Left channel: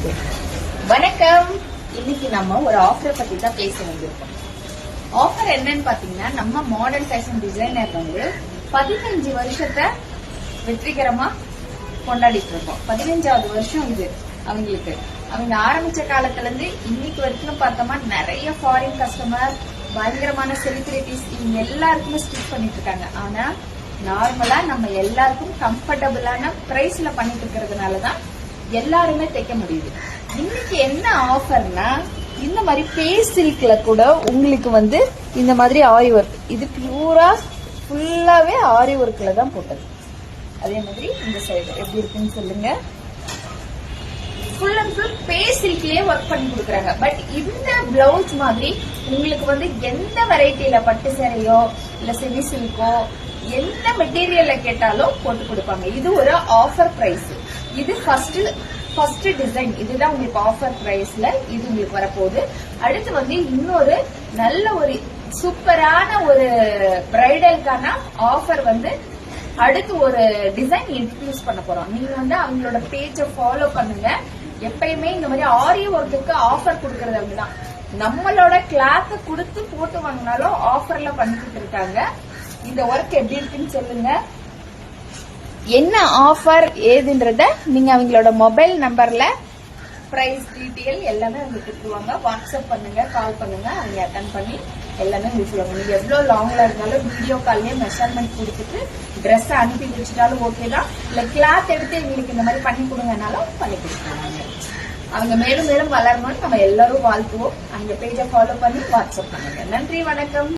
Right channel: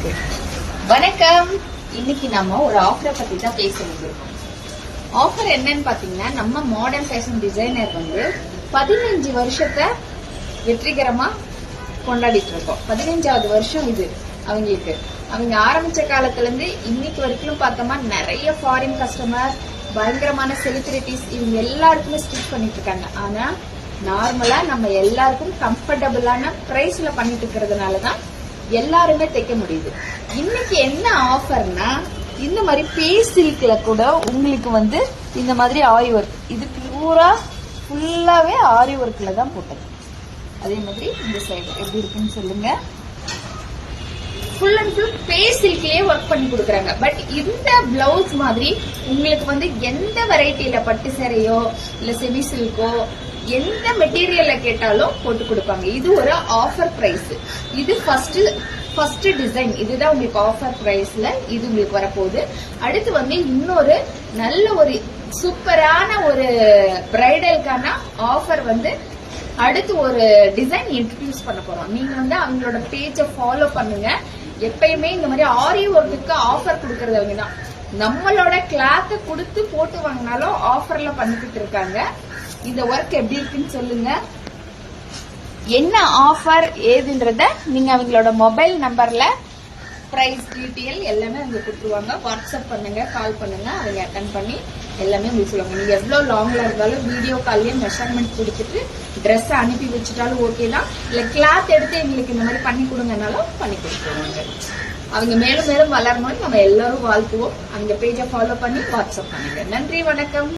Okay, வணக்கம். இன்னைக்கு நம்ம ஒரு ஆஃபரை பத்தி தான் பேச வந்திருக்கோம். ஆஃபர் என்னன்னு பாத்தீங்கன்னா, நம்ம மாடர்ன் ஃபேஷன் டிசைனர் 15 வருஷத்தை வெற்றிகரமா கொண்டாடிட்டு இருக்கோம். 15வது வருஷம் இது அவங்களுக்கு. அவங்க ஆரம்பிச்ச காலத்துல இருந்து இன்னைக்கு வரைக்கும் பார்த்தோம்னா நிறைய ஃபாரின் கஸ்டமர், பயங்கரமான செலிபிரிட்டிஸ், இவங்க எல்லாருக்குமே ஸ்டிச் பண்ணிட்டு இருக்காங்க. ஆனா நார்மலா நம்ம எல்லாருக்கும் கம்ஃபர்டபுளான பிரைஸ்ல பண்ணிட்டு இருக்கிறதுனாலதான் எல்லாருமே தைக்க முடியுது. இன்னைக்கு என்ன ஆஃபர்னா, இந்த மாதிரி பேஸ் சில்க்ல கூட உங்களுக்கு இந்த மாதிரி ஆரி ஒர்க், இது பூரா ஃபுல்லாவே ஆரி ஒர்க்ல தான் போட்டது. அதே மாதிரி இந்த சைடு எப்படி இருக்குன்னு சொல்லுங்க. ஃபுல் அண்ட் ஃபுல் பேஸ் சில்க்லயே ஒர்க் பண்ணி கொடுக்குறாங்க. பட் இந்த பிளவுஸ் மாதிரி உங்களுக்கு எந்த வெரைட்டியில பட்டு சேரையோ இல்ல செமி சில்கோ எந்த மெட்டீரியல்ல கேட்டாலும் போட்டு கொடுப்பாங்க. இது ஒரு ஆஃபர் பிரைஸ். இது ஃபர்ஸ்ட் டிசைன். இதுதான் உங்களுக்கு ஆஃபர் பிரைஸ்ல இது உங்களுக்கு வரப்போகுது. அடுத்து இன்னொரு நல்ல ஒரு சூப்பரான ஒரு பிரைடலுக்கான ஆஃபர் அடுத்து ஒரு டிசைன் இன்ட்ரடியூஸ் பண்ண போறோம். நீங்க அவங்களோட பேஜை ஃபாலோ பண்ணுங்க. எப்பயுமே இந்த மாதிரி ஆரி ஒர்க்குக்கு ஆஃபர் கொடுக்கறது அவங்க தான். நம்மளோட கிளாத்தை கொடுத்து போட்டு வாங்கினாலும் ஆஃபர்ல பண்ணிக்கிட்டு இருக்காங்க. இந்த ஒர்க் எப்படி இருக்குன்னு சொல்லுங்க. என்ன ஆஃபர் ஏதுன்றத நீங்க அவங்களோட மொபைல் நம்பர்ல பிரைஸ் டீட்டெயில் எல்லாமே அவங்க கொடுத்துருவாங்க. வாட்ஸ்அப் பண்ணுங்க, கால் பண்ணுங்க, அவங்க அட்டன் பண்ணி எல்லாமே உங்களுக்கு சொல்லுவாங்க. நீங்க எவ்வளவு லாங்ல இருந்தாலும் வீடியோ கால்லயே மெஷர்மெண்ட் கொடுத்துட்டு ட்ரெஸ் அனுப்பி வச்சுட்டாலும் ஓகே தான். இல்ல கிளாத் எடுத்து எங்களுக்கு இந்த மாதிரி பண்ணி கொடுங்கனாலும் பண்ணி கொடுத்துருவாங்க. அவங்க மேலும் மேலும் வளரணும்னு நம்ம எல்லாரும் வாழ்த்துவோம். அந்த பேஜை ஃபாலோ பண்ணி வாட்ஸ்அப் பண்ணுங்க. நன்றி, வணக்கம்.